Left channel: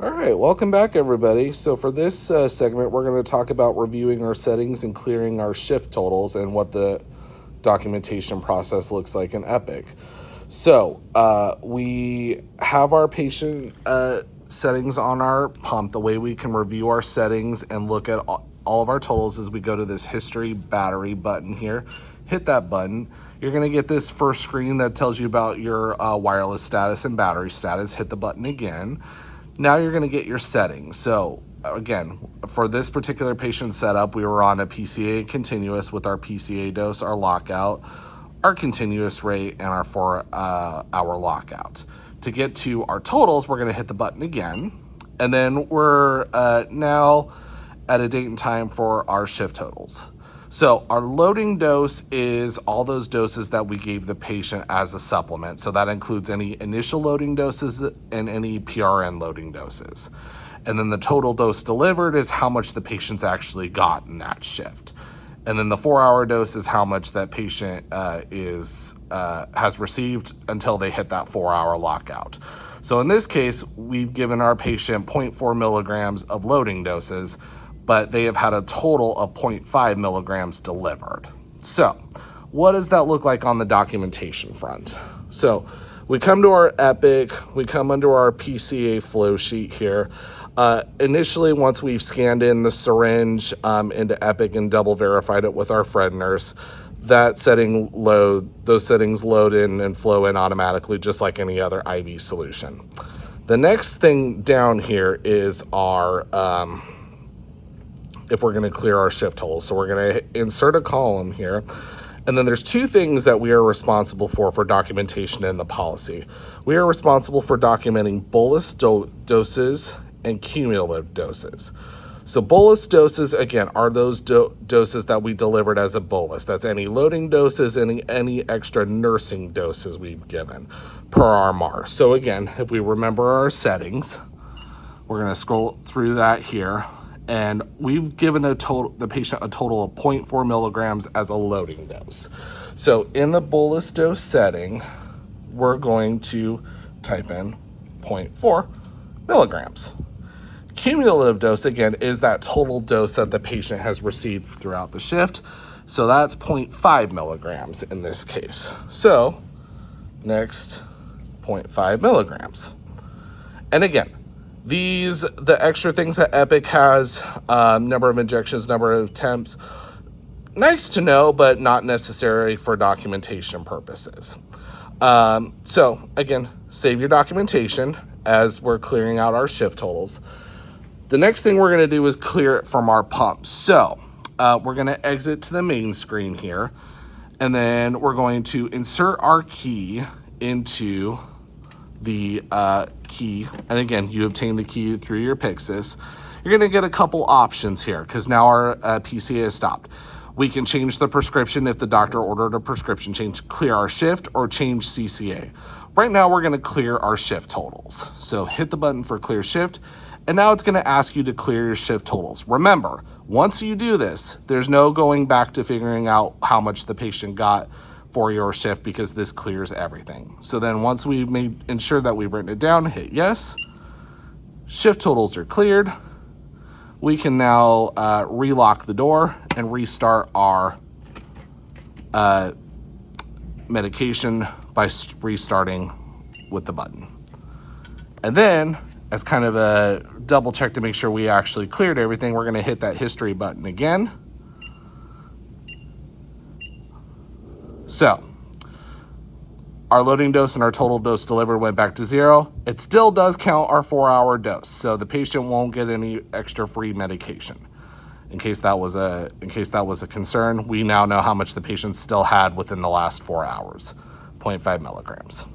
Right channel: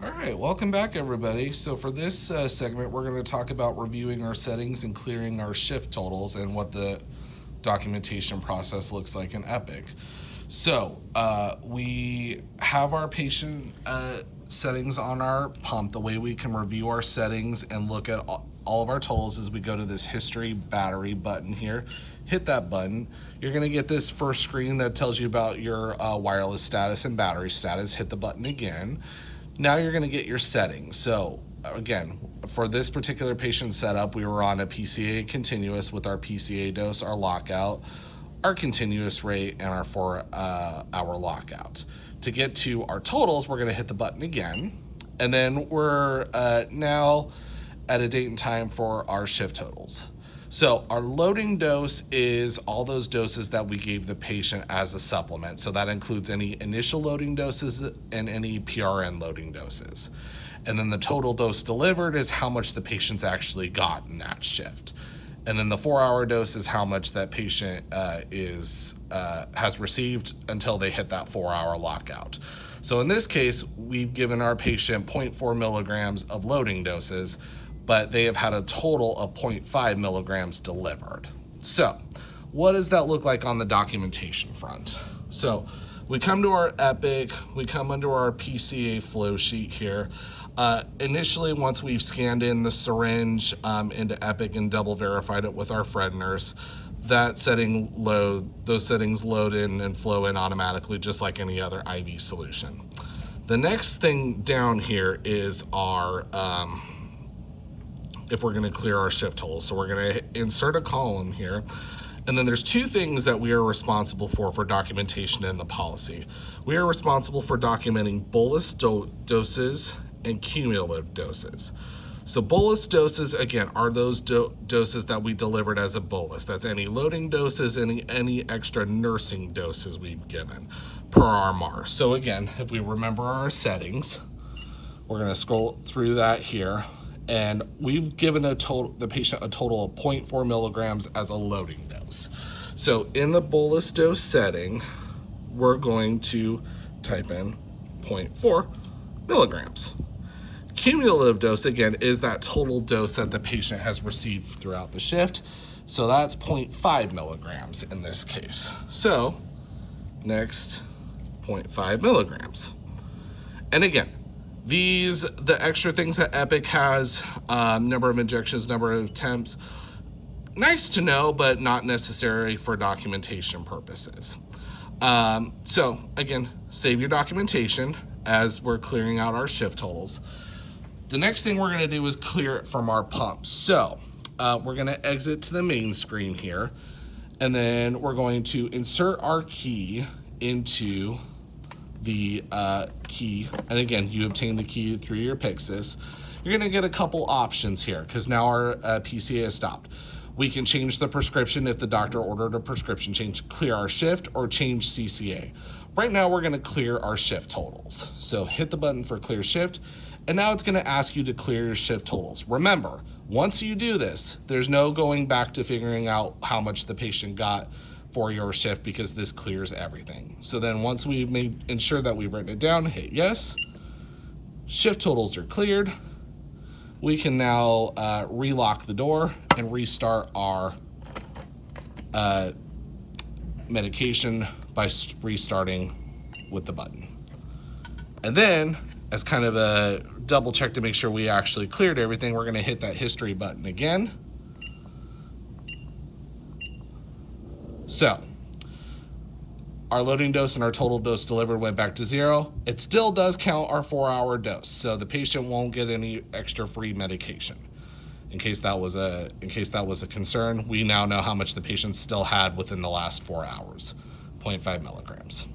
All right, welcome back, everybody. So for this segment, we're going to talk about reviewing our settings and clearing our shift totals and what the documentation process looks like in Epic. So we have our patient settings on our pump. The way we can review our settings and look at all of our totals is we go to this history battery button here, hit that button. You're going to get this first screen that tells you about your wireless status and battery status. Hit the button again. Now you're going to get your settings. So again, for this particular patient setup, we were on a PCA continuous with our PCA dose, our lockout, our continuous rate, and our 4-hour lockout. To get to our totals, we're going to hit the button again, and then we're now at a date and time for our shift totals. So our loading dose is all those doses that we gave the patient as a supplement. So that includes any initial loading doses and any PRN loading doses. And then the total dose delivered is how much the patient's actually got in that shift. And then the 4-hour dose is how much that patient has received until they hit that 4-hour lockout. So in this case, we've given our patient 0.4 milligrams of loading doses, but they have had a total of 0.5 milligrams delivered. So what does that look like on the documentation front? So we come to our Epic, we come under our PCA flow sheet here. Initially, once we've scanned in the syringe into Epic and double verified it with our Fred nurse, those settings load in and flow in automatically, just like any other IV solution. The next thing down here is our, if we're gonna clear our shift totals. So we're gonna insert a column here. And then there's two things that we are responsible for documentation in the policy. We are responsible for documenting bolus doses and cumulative doses. So bolus doses, again, are those doses that we delivered as a bolus. That's any loading doses, any extra nursing doses we've given per our MAR. So again, if we remember our settings, we're gonna scroll through that here. And we've given the patient a total of 0.4 milligrams as a loading dose. So in the bolus dose setting, we're going to type in 0.4 milligrams. Cumulative dose, again, is that total dose that the patient has received throughout the shift. So that's 0.5 milligrams in this case. So next, 0.5 milligrams. And again, the extra things that Epic has, number of injections, number of attempts, nice to know, but not necessary for documentation purposes. So again, save your documentation as we're clearing out our shift totals. The next thing we're gonna do is clear it from our pump. So we're gonna exit to the main screen here, and then we're going to insert our key into the key, and again, you obtain the key through your Pyxis. You're gonna get a couple options here because now our PCA is stopped. We can change the prescription if the doctor ordered a prescription change, clear our shift, or change CCA. Right now, we're gonna clear our shift totals. So hit the button for clear shift, and now it's gonna ask you to clear your shift totals. Remember, once you do this, there's no going back to figuring out how much the patient got for your shift because this clears everything. So then once we've ensure that we've written it down, hit yes, shift totals are cleared. We can now relock the door and restart our medication by restarting with the button. And then, as kind of a double check to make sure we actually cleared everything, we're gonna hit that history button again. So our loading dose and our total dose delivered went back to 0. It still does count our 4-hour dose, so the patient won't get any extra free medication. In case that was a concern, we now know how much the patient still had within the last 4 hours, 0.5 milligrams.